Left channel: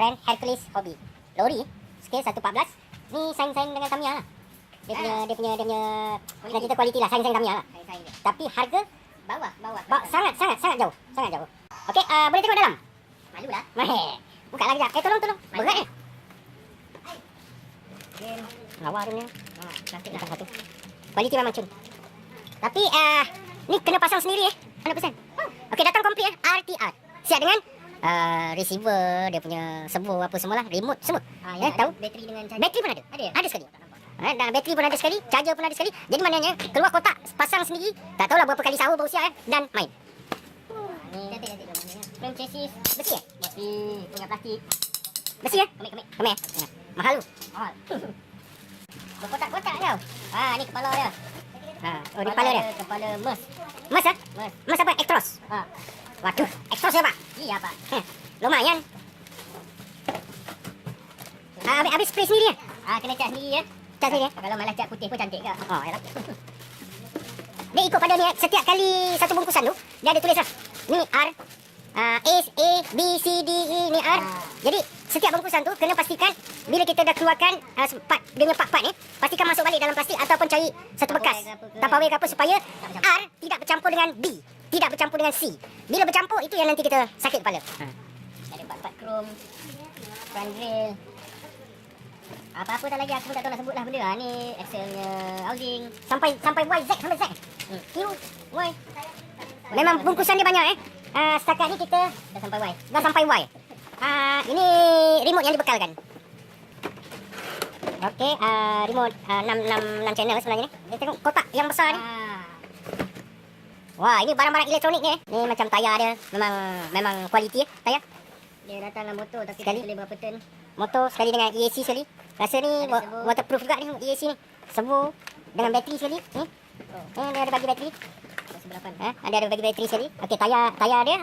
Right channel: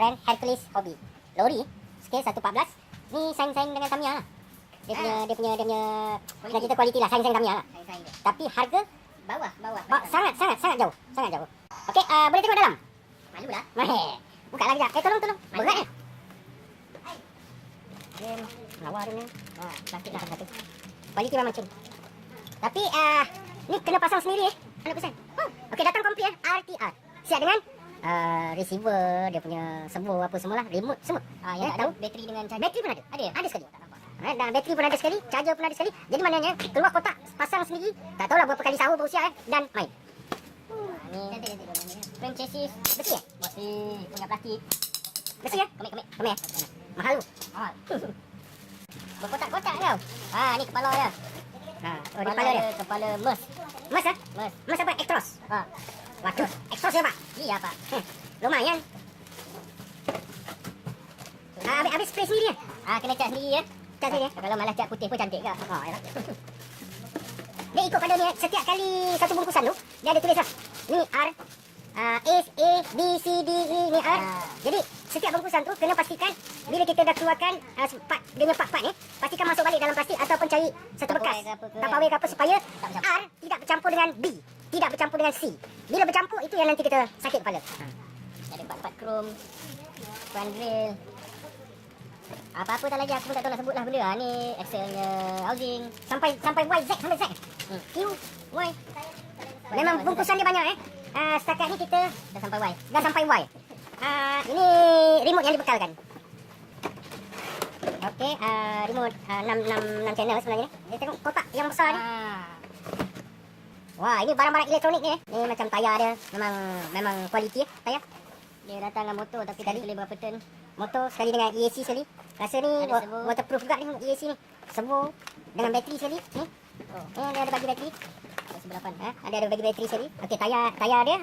brand Hercules Hobby. Lori scale 114. Ni saing-saing dengan Tamiya lah. Dia punya nak kita kualiti lah, saing-saing Tamiya lah. Tapi harga Bawah. sangat jauh. Okey, boleh tengok dalam? Malulah. Buka lah kejap. Tolong. Berat ni. Lawa dia ni. Plastik lah satu. Kualiti memang cun. Tapi ni kena pasang sendiri 100%. Okey, datang komplit RTR. Siap dengan receiver, dia punya servo apa semualah, remote semua. Tahu bateri dengan charger. Bateri pun ada. Ada? Ada sekali. Dan bateri pun ada sekali, charger pun ada sekali. Jadi maknanya keluar kotak, pasang sendiri, tak tahulah berapa kali sahur berusia dan main. Ni frame chassis Besi besi punya plastik. Besi Kemik. Mahal tu. Berkotak-kotak kau. Ni kepala dia. Oh, di kepala dia. Kepala mes. Mas apa? Actros. Waduh, Actros ya, Pak? Iya, Pak. Lumayan. Habis spray sendiri ya? Kena cat sendiri ya. Cat sendiri. Kalau malas cat putih pun cantik ke? Yalah. Dia ikut pada ni, setiap kali satu bungkusan tu, dia ada tulis lah. Ni R, A, B, C, D, E, ni R. Jadi, setiap bungkusan tu, kena pastikan bila kita dah keluarkan dia punya part-part ni, pastikan masuk balik dalam plastik ataupun cari satu bekas. Tupperware ke apa supaya R tidak bercampur dengan B, tidak bercampur dengan C. Bila bercampur, itu yang nanti kita sakit kepala. Ada part-part krom, front grill. Apa-apa tak lagi, aku pun tak tahu nak sebut lah benda. Ni actionnya housing. Sampai Y, Z, sampai Z. Q, Y. Memang bungkusan dia banyak setakat ni kita Dah sampai Y. dah sampai Y. Ini remote yang dibekalkan. Okey, remote 6 channel lah sebenarnya ni. Kita tengok kotak yang besar ni. Wah, ini barang-barang elektronik ni. Ni macam tayar dia. Memang kualiti tayar. Dia datang dengan motor tapi Sekali. tak boleh berapa turn. Motor sekali dengan EAC sekali. Rasa ni Ada servo. waterproof juga ni EAC ni. Servo dengan bateri sekali. Dia ada bagi bateri. Sebelapan. Ada bagi bateri sekali. Okey, tayar dia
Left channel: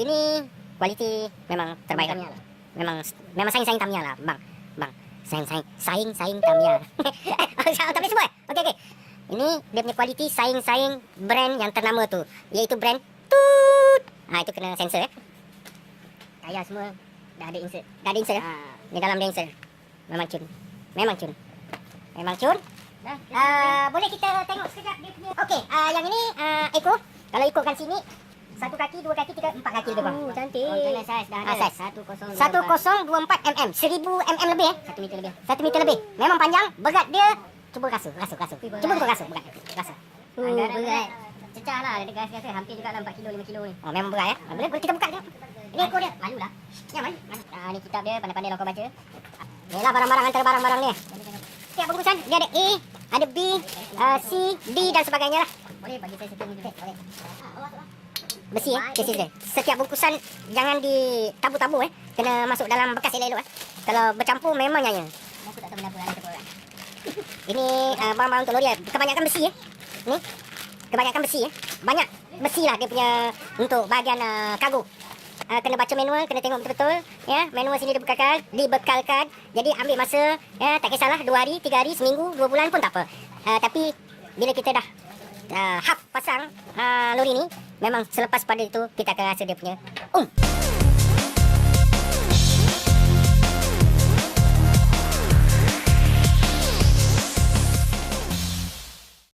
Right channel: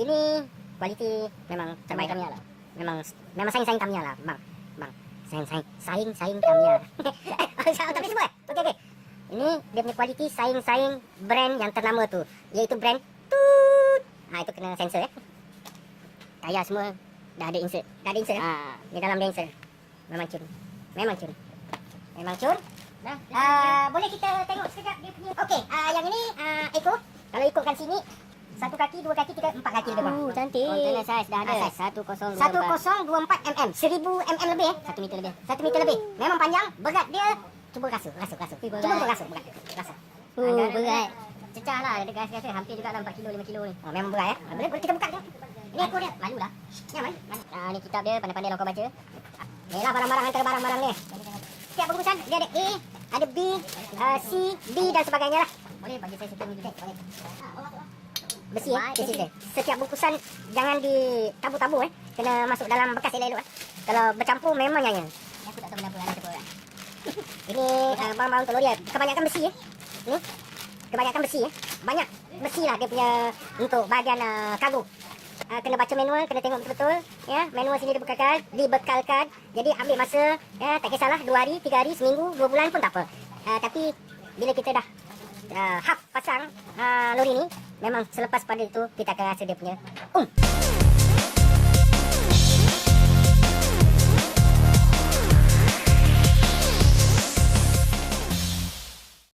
ini kualiti memang terbaik Tamiya lah. lah. Memang saing Tamiya lah, bang. Saing Tamiya. Tak boleh sebut. Okey. Ini dia punya kualiti saing brand yang ternama tu, iaitu brand Tut. Itu kena sensor Tayar semua dah ada insert. Di dalam dia insert. Memang cun. Boleh kita tengok sekejap dia punya. Okey, yang ini Eco. Kalau ikutkan sini, 1 kaki, 2 kaki, 3, 4 kaki lebih bang. Cantik. Jangan Saiz dah ada. Saiz. 1024 1024 mm, 1000 mm lebih 1 meter lebih. 1 meter lebih. Memang panjang, berat dia. Cuba rasa. Cuba kau rasa berat. Rasa. Berat. Cecah lah. Ada gas-gas hampir juga lah 4 kilo 5 kilo ni. Memang berat Boleh kita buka dia. Ini Eco dia. Malu lah. Yang mana? Ni kitab dia, pandai-pandai lah kau baca. Inilah barang-barang antara barang-barang ni. Setiap bungkusan dia ada A, ada B, C, D dan sebagainya lah. Boleh bagi saya sikit mungkin. Besi cases dia. Setiap bungkusan jangan ditabu-tabu kena masuk dalam bekas elok-elok Kalau bercampur memang nyaya. Aku tak tahu kenapa ada tu. Ini barang-barang untuk lori kebanyakan besi Ni kebanyakan besi Banyak besi lah dia punya untuk bahagian kargo. Kena baca manual, kena tengok betul-betul manual sini dibekalkan. Jadi ambil masa tak kisahlah 2 hari, 3 hari, seminggu, 2 bulan pun tak apa. Tapi bila kita dah pasang lori ni, memang selepas pada itu kita akan rasa dia punya